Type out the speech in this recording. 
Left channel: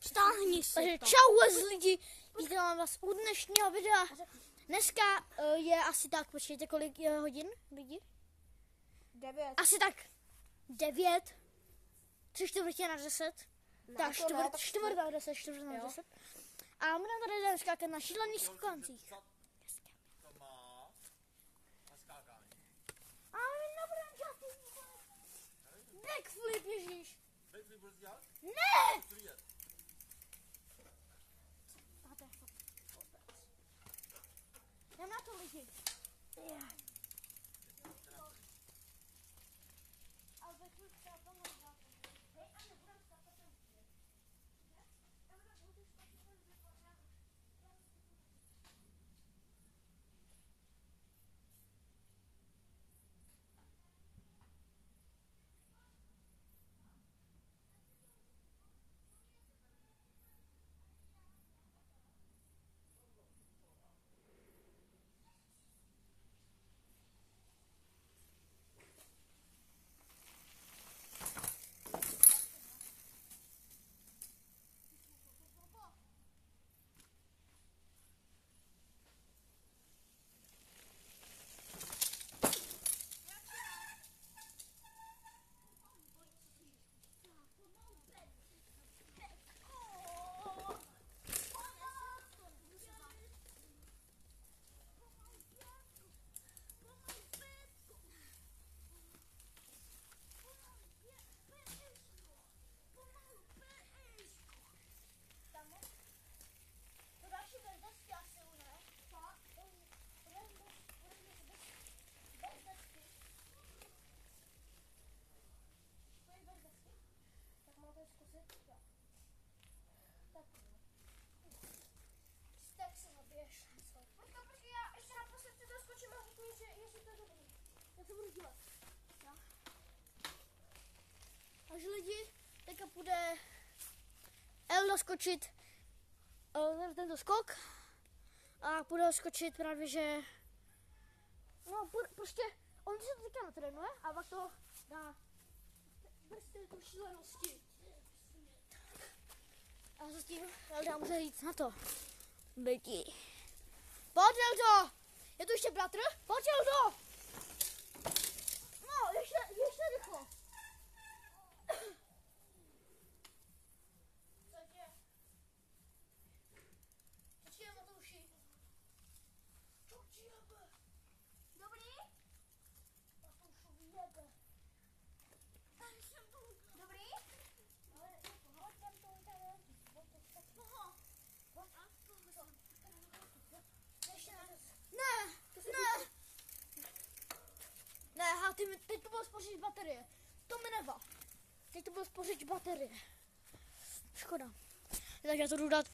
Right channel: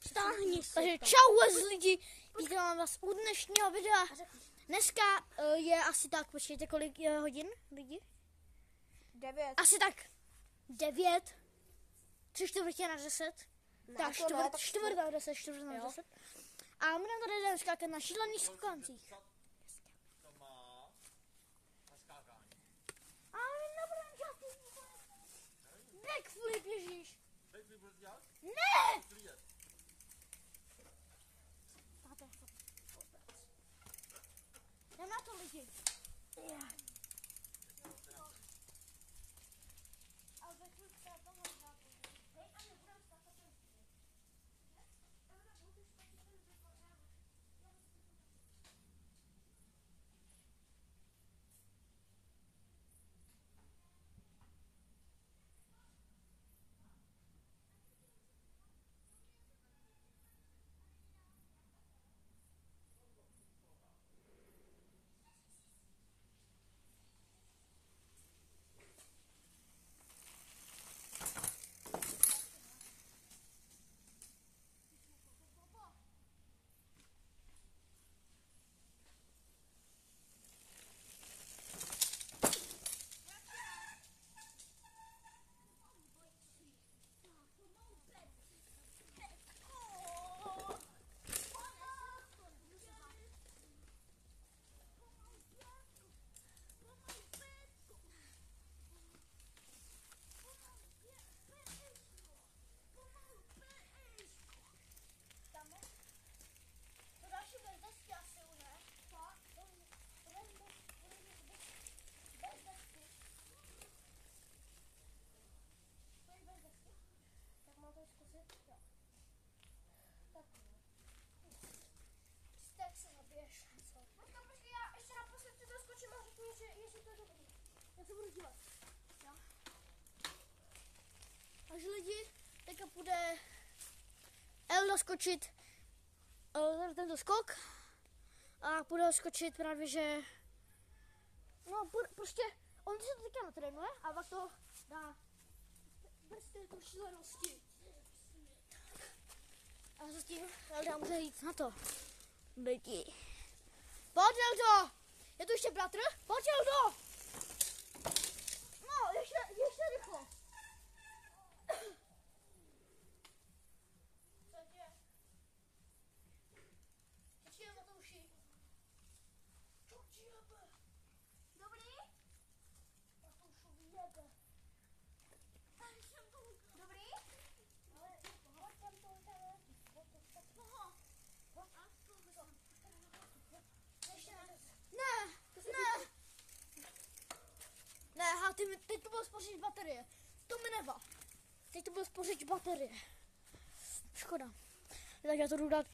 Stáhni se. Takže čau lidi, vítám vás u dnešního videa. Dneska je asi tak, počkejte, kolik je hodin lidi? 9. Asi tak 9. 3:45. Tak čtvrt na 10. A budeme tady skákat na šílených skokancích. A nebudeme dělat backflip, ježíš. Ne! No na to lidi. Tak se naběž. Počkej, já ještě naposled si doskočím a řekni, jestli to je dobrý. Já to budu dělat. Jo. Takže lidi, teďka půjde El doskočit tento skok a půjde skočit právě, že no prostě on se to teďka natrénuje a pak to dá bez této šílenosti. A zatím Elda může jít na to. Byti. Pojď Eldo! Je tu ještě bratr? Pojď Eldo! No, ještě rychlo. Počkej na to uši. Dobrý? Na to ušu vyjebe. Dobrý? Ale je Ne, teď to bylo spořit baterie. To mi nevá. Teď to bylo spořit baterie. Škoda. Tak já to jdu dát